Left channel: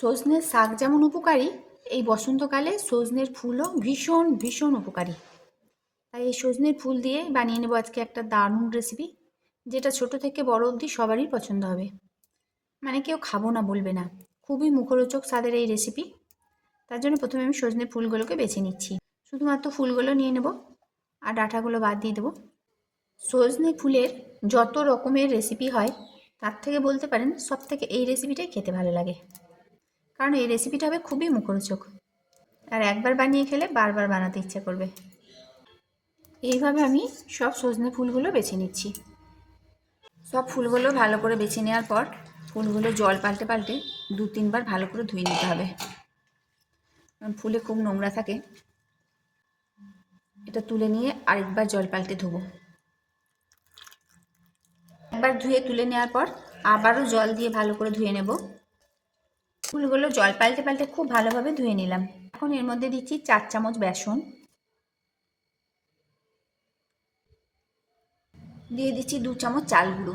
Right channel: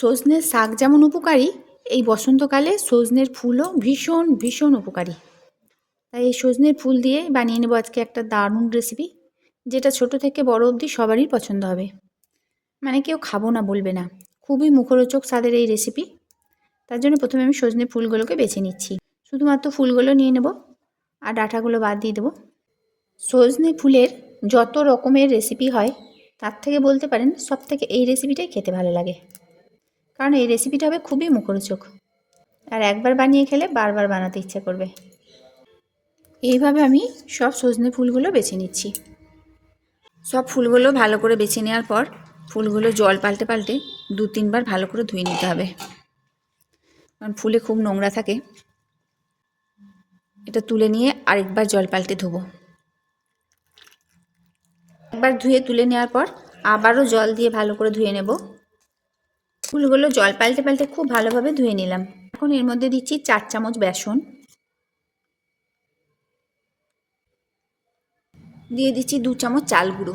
সজনের শাক যেমন উপকারী, এই বসন্তকালে সজনের ফুলও ভীষণ ভীষণ উপকারী। তাই এই সজনের ফুল দিয়ে বানিয়ে নেব আজকে একটা দারুণ রেসিপি, যেটা ছোট থেকে বড় অবধি সবারই পছন্দ হবে। মানে কেউ খাবো না বলবে না। খুবই মুখরোচক স্বাদের এই রেসিপি। তার জন্য প্রথমে আমি সজনে ফুলগুলোকে বেছে নিচ্ছি। শুধুমাত্র ফুলগুলো নিয়ে নেব আর ডাঁটাগুলো বাদ দিয়ে দেবো। সজনে ফুলের যত রকমের রেসিপি হয় তার থেকে বলতে পারেন সবথেকে এই রেসিপিটাই খেতে ভালো লাগে, কারণ এই রেসিপিটা হবে খুবই মুখরোচক আর একবার বানিয়ে খেলে বারবার বানাতে ইচ্ছা করবে। এইভাবে আমি সব সজনে ফুলগুলো বেছে নিচ্ছি। সব ফুলগুলো ভালো করে বেছে নেওয়ার পর ফুলগুলো জল পাল্টে পাল্টে 2-3 বার ভালো করে ধুয়ে নিতে হবে, কারণ ফুলে খুব নোংরা থাকে। এটা তুলে নিয়ে আরেকবার জল পাল্টে ধোবো। একবার ধুয়ে তুলে নেওয়ার পর আবারও জল দিয়ে ভালো করে ধুয়ে নেব। ফুলগুলো জল পাল্টে পাল্টে খুব ভালোভাবে ধুয়ে নিলাম। এখন এর মধ্যে দিচ্ছি 4 চামচ বেসন, দিয়ে দিচ্ছি 2 চামচ চাল গুঁড়ো।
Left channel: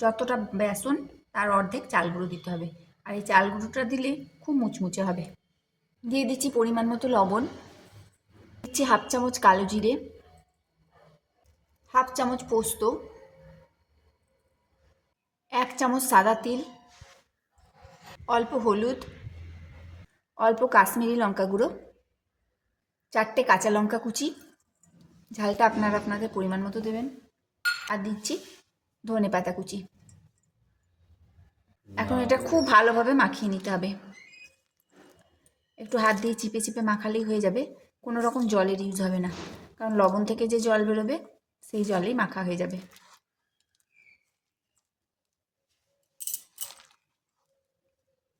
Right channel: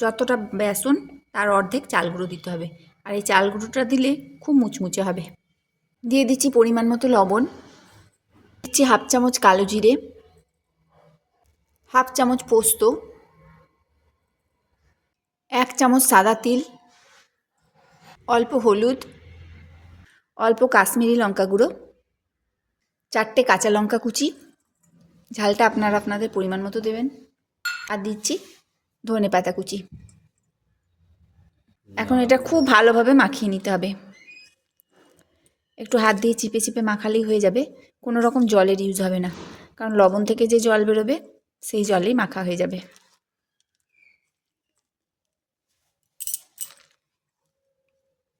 যতটা বেসন তার অর্ধেক চাল গুঁড়ো দিতে হবে, আর এই চাল গুঁড়োটা দিলে খুব মুচমুচে হবে। দিয়ে দিচ্ছি পরিমাণ মতো লবণ, দিচ্ছি 1/2 চামচ কালো জিরে, 1/2 চামচ পোস্ত, 1 চামচ সাদা তিল, অল্প হলুদ, অল্প কাশ্মীরি লঙ্কা গুঁড়ো, 4টে কাঁচা লঙ্কা কুচি, ঝালটা আপনারা আপনাদের পরিমাণ মতো দেবেন, আর দিচ্ছি ধনে পাতা কুচি। এখন এটা খুব ভালোভাবে মাখিয়ে নিতে হবে। একটু হাত দিয়ে চিপে চিপে মাখালেই হয়ে যাবে, কোনো রকম জলের ইউজ হবে না, কারণ লবণ থেকে যে জল বেরোবে সেই জলেই মাখা হয়ে যাবে।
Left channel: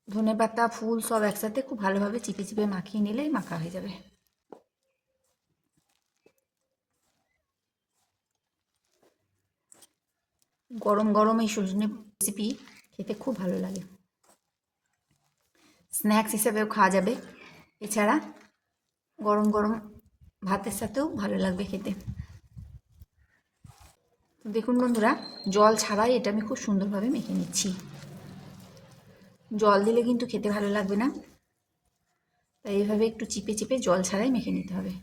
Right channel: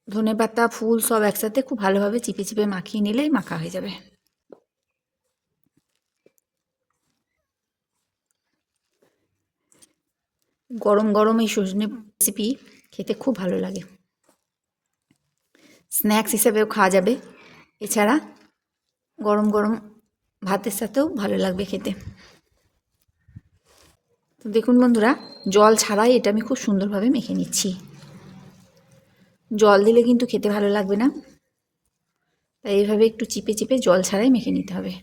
ধনেপাতা ফুল সব একসাথে খুব ভালোভাবে চিপে চিপে মাখিয়ে নিলেই মাখা হয়ে যাবে। গরম গরম এই সজনে রেসিপি খেতে খুব ভালো লাগে। স্ন্যাক্স হিসেবেও খাওয়া যাবে, এছাড়া গরম গরম ভাতের সাথেও ভালো লাগবে খেতে। তো দেখুন বন্ধুরা, জল ছাড়াই এটা আমি খুব সুন্দরভাবে মেখে নিচ্ছি। জল দিলে কিন্তু খেতে ভালো লাগবে না, তাই এইভাবে একটু চিপে চিপে জল ছাড়াই মেখে নিতে হবে।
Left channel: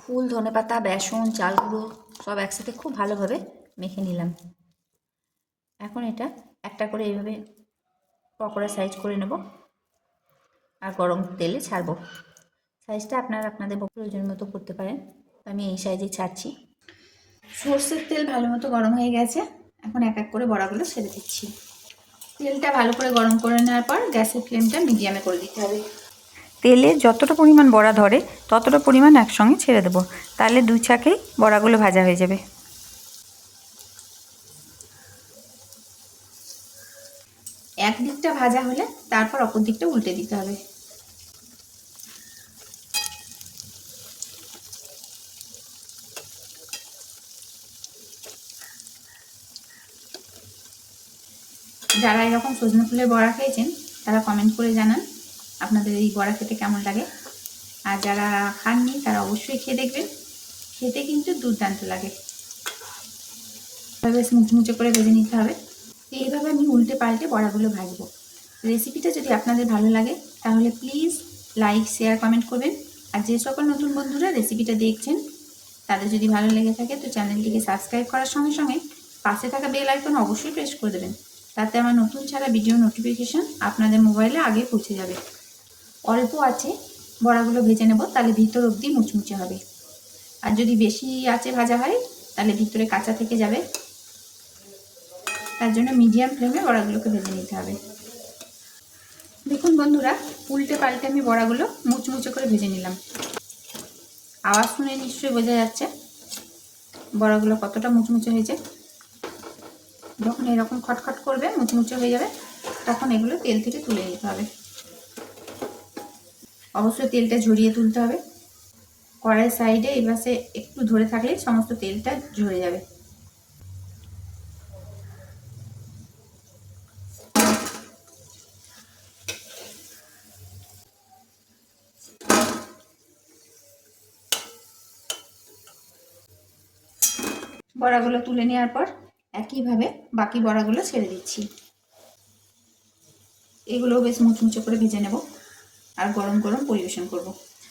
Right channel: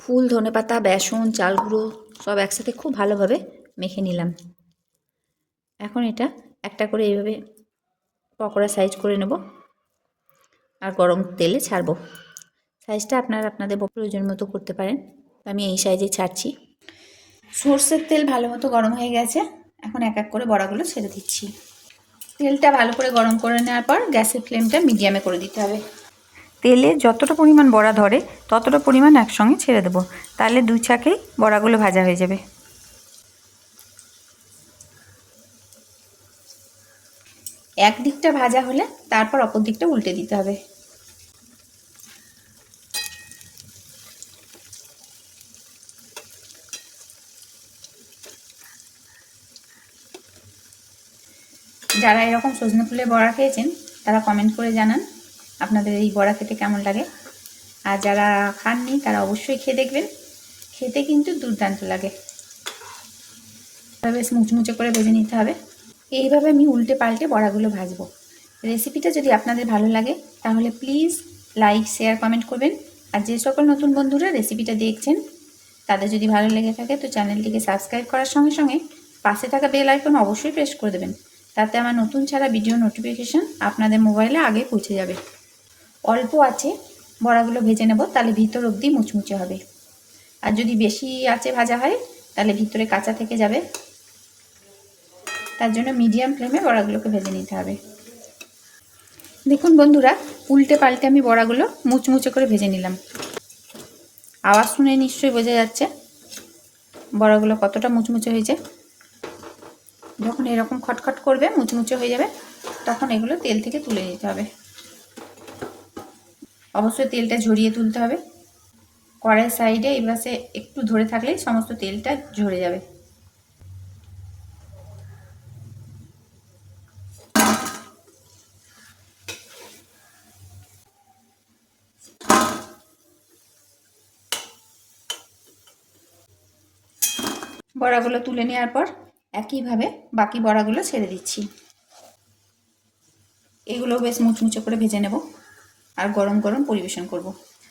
ফুল, ধনেপাতা, বেসন, চাল গুঁড়ো সব একসাথে খুব ভালোভাবে মেখে নিলাম। এখন এটা একটা করে এইভাবে পকোড়া সাইজ করে নেব আর গরম তেলে ছাড়বো। সাইজটা আপনারা আপনাদের প্রয়োজন মতো করতে পারেন, আমি এই সাইজে ছাড়ছি। সর্ষের তেল ভালো মতো গরম হয়ে গেছে, এখন এক এক করে বড়াগুলো ছেড়ে দিচ্ছি। তেলটা ভালো করে গরম করে নেওয়ার পর গ্যাসের ফ্লেমটা মিডিয়ামে করে দিতে হবে। তেলে যতটা পরিমাণ বড়া ধরে ততটা পরিমাণ একসঙ্গে ছেড়ে দেবো, তাহলে 2 ছাঁকেই বড়াগুলো ভাজা হয়ে যাবে। এক দিকটা ভাজা হলে তারপর অপর দিকটা উল্টে দিতে হবে। যারা এরকম সজনে ফুলের বড়া খেয়েছেন তারা কমেন্ট করে জানান আপনাদের এই বড়া খেতে কেমন লাগে, আর যারা খাননি তারা অবশ্যই খেয়ে দেখবেন, খেতে কিন্তু দুর্দান্ত লাগে। বেশ মুচমুচে করে ভেজে নিতে হবে। এইভাবে আমি উল্টে পাল্টে বড়াগুলো ভাজবো। রেসিপিটা যদি আপনাদের ভালো লাগে তাহলে প্লিজ লাইক, শেয়ার, কমেন্ট করবেন। আর যে সকল নতুন বন্ধুরা রেসিপিটা দেখছেন তাদের যদি ভালো লেগে থাকে তো চ্যানেলটিকে সাবস্ক্রাইব করার সঙ্গে সঙ্গে পাশে থাকা বেল আইকন অবশ্যই প্রেস করে দেবেন, তাতে আমার নতুন ছাড়া ভিডিও নোটিফিকেশান আপনাদের মোবাইলে আগে পৌঁছে যাবে। অল্প আছে বড়াগুলো ভেজে নেব, তাহলে ভিতর অবধি মুচমুচে হবে, আর যদি বেশি আছে ভাজা হয় তাহলে ভিতরে কাঁচা থেকে যাবে। তার জন্য মিডিয়াম ফ্লেমে বড়াগুলোকে ভেজে নিতে হবে। দেখুন বন্ধুরা, উল্টে পাল্টে আমি বড়াগুলো মুচমুচে করে ভেজে নিলাম। আওয়াজ শুনে নিশ্চয়ই বোঝা যাচ্ছে বড়াগুলো কতটা মুচমুচে হয়েছে। যখন এরকম খটখট করবে, মুচমুচে হয়ে যাবে, তখন এগুলো তেল থেকে তুলে নিতে হবে। অবশ্যই তেলটা ঝরিয়ে তুলতে হবে। কড়াইয়ের সাইডে এই পাশে একটু ধরে থাকলেই সমস্ত তেলটা ঝরে যাবে। বড়াগুলো তুলে নেওয়ার পর একইভাবে বাকি বড়াগুলো ছেড়ে দিচ্ছি। এগুলোও বেশ মুচমুচে করে ভেজে নেব আর গরম গরম পরিবেশন করব।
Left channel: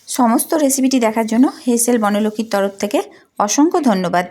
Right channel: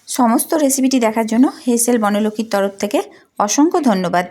সমস্ত রেসিপিটি দেখার জন্য হেসেল বনলক্ষ্মীর তরফ থেকে অসংখ্য ধন্যবাদ।